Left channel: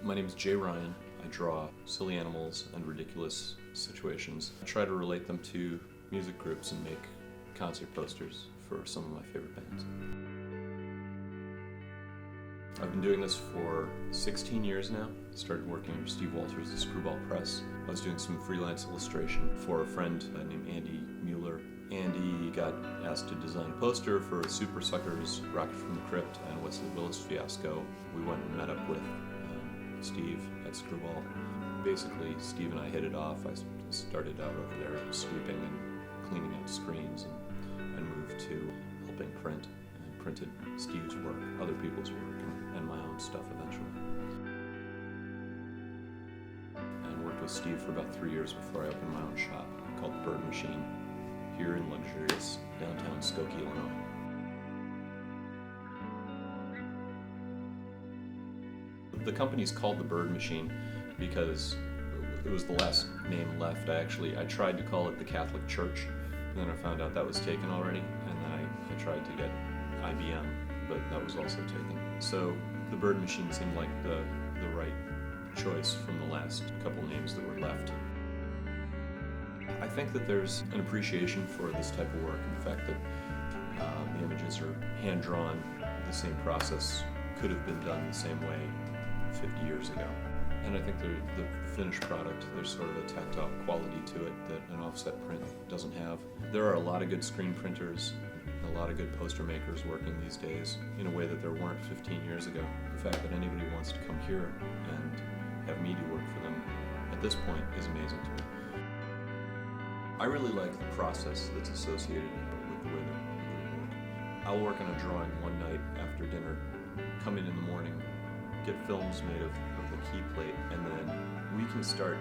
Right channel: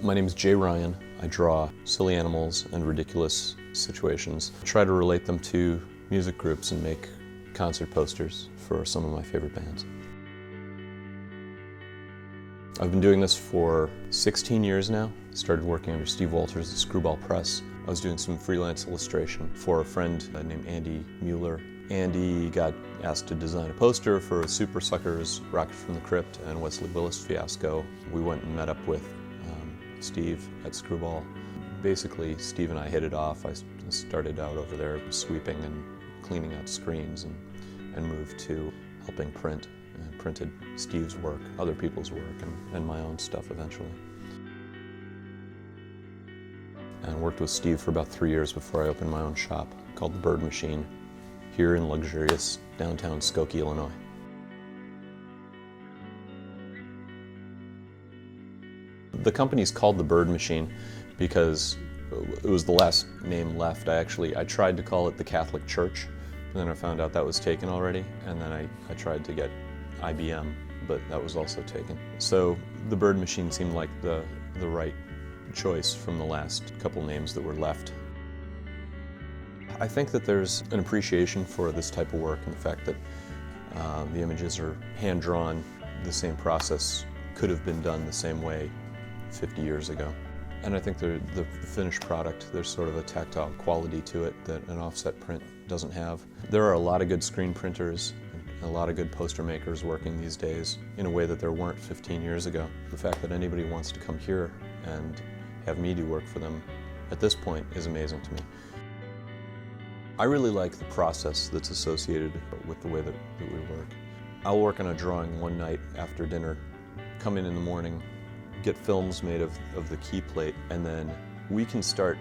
My name is Jay Ryan. I draw silly animals and ridiculous situations. I try to relate them to music groups and make concert posters for some of my favorite bands. I've been doing this for 16 years now. Started working under Steve Walters at Screwball Press. I was doing some freelance illustration for a friend named Andy Mueller. Andy got asked to design a poster for Super Suckers, Rocket from the Crypt, and Wesley Willis fiasco. We went and met up with Steve at Screwball. Basically, Steve and I hit it off. I started out over there sweeping and cleaning out screens and moved to helping print. I printed Steve's work, other people's work, and my own stuff eventually. And worked with Steve for about 3 years before I opened my own shop called The Bird Machine here in luxurious downtown Skokie, Illinois. The company's called The Bird Machine because it was the last name left. I tried to call it the Catholic Church, and then I found out that was taken already, and then I tried to get IBM, but that was also taken. So The Bird Machine seemed like the right choice from the last couple names that were left. I think that there's an appreciation for this type of work and the fact that the images are hand-drawn. The same process could have been done the same way 50 years ago. And I think the finished product, there's sort of a tactile quality to it that an offset print doesn't have. There are a lot of good screen printers, a lot of good poster makers working these days in a way that there weren't 15 years ago. The fact that anybody wants to come here and have me do work for them at this point is amazing to me. I really like the process that's associated with the way that we work. I'll work on a drawing one night after dinner, come in the morning, get films made of the key plate, and then we can start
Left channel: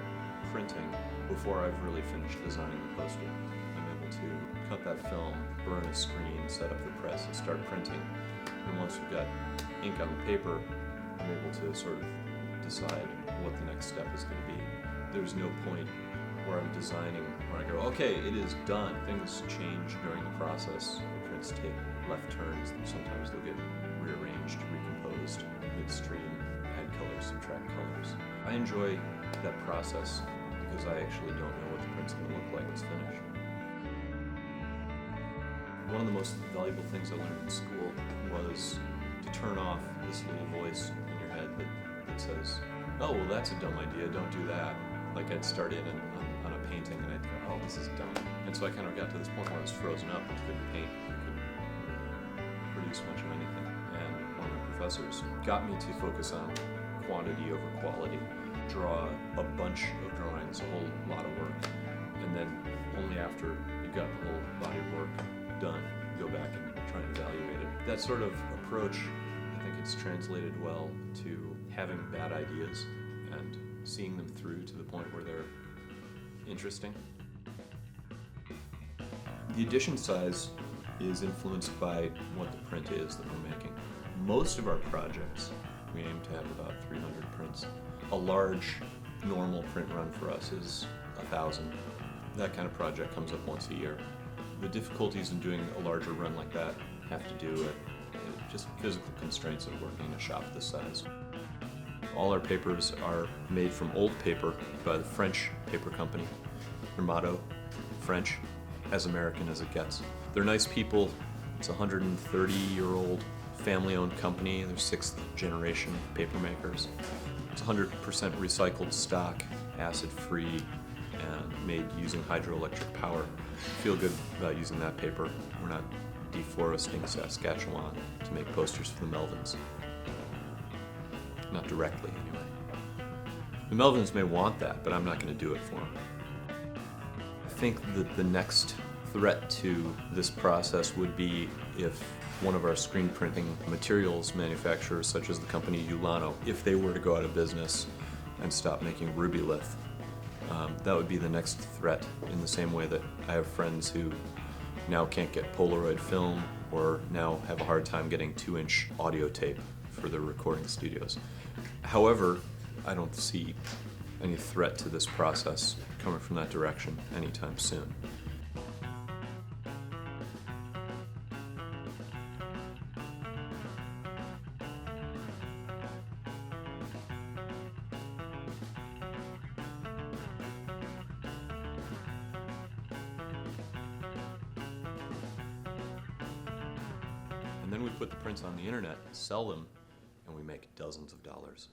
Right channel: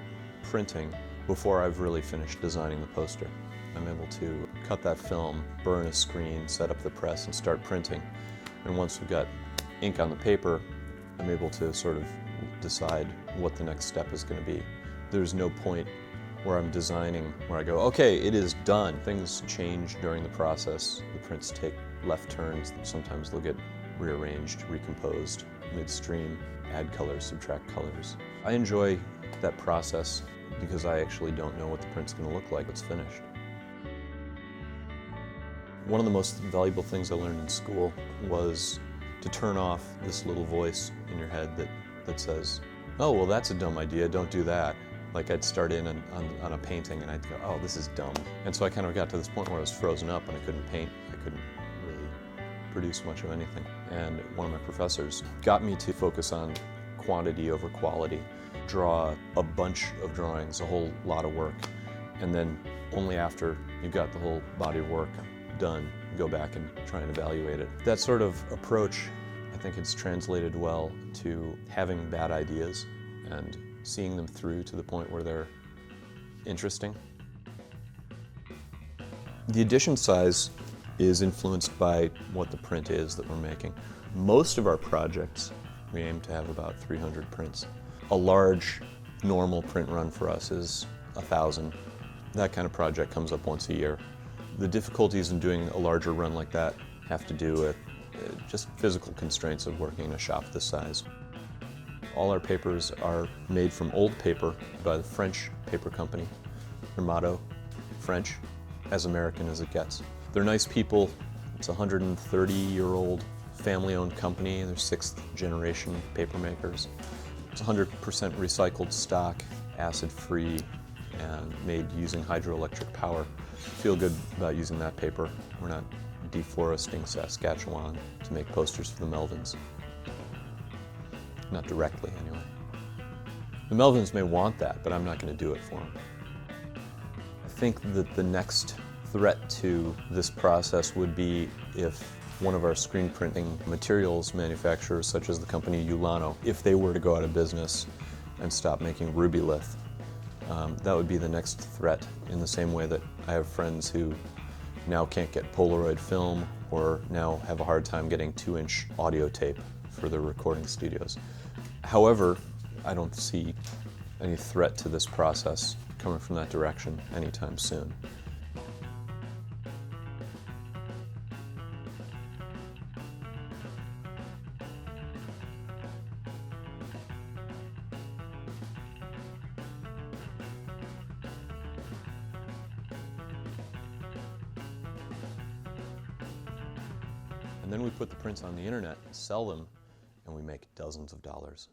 printing before I've really finished designing the poster. I'm able to cut that film, burn a screen, set up the press, and start printing. And once we've got ink on the paper, I'm able to sort of decide what the next step is going to be. There's no point where I'm designing where I go, okay, it is done. Things change during the process. The prints take left turns. Sometimes they'll get rearranged, recomposed midstream, add colors, subtract colors. I enjoy that process because I actually don't know what the print's going to look like when it's finished. One of the most valuable things I learned in school was to turn off this little voice in your head that says, oh, well, that's a dumb idea, don't do that. Like I'd start in on a painting and I'd go, oh, this is dumb. And so I kind of got to this point where I was frozen up and I couldn't paint, I couldn't really produce much of anything. And one of my professors got me to focus on quantity over quality, draw a bunch of drawings, a whole lot of work, and then only after you've got the whole body of work done, go back and try and evaluate it. That sort of approach, I think it's translated well to having bad ideas and seeing them through to the point where they're interesting. The edition size is influenced by what the print is that we're making. Most of our projects, we aim to have about 300 prints. A large, normal print run for us is 1,000. That kind of project comes up once a year. The difficulties in doing a larger run like that have to do with just physical constraints of working in a shop this size. All our papers are made from old paper by the French paper company. Their motto, French, as American as it gets. They're nice people. It's a 130-year-old family-owned company. They're 6th generation paper makers. It's 100% recycled stock, acid-free, and made using hydroelectric power. Feel good about using that paper. We're not deforesting Saskatchewan to make posters for the Melvins. Not directly, anyway. The Melvins may want that, but I'm not going to do it for them. I think that the next threat to this process would be if one of our screen printing materials manufacturers, such as the company Ulano, if they were to go out of business and stop making Rubylith. That would be the next threat, in the same way that I have friends who now can't get Polaroid film or now have a hard time getting 2-inch audio tape for their recording studios. However, I don't see any threat to this process coming from that direction anytime soon. Then we put the prints on the internet, sell them, and we make dozens of dollars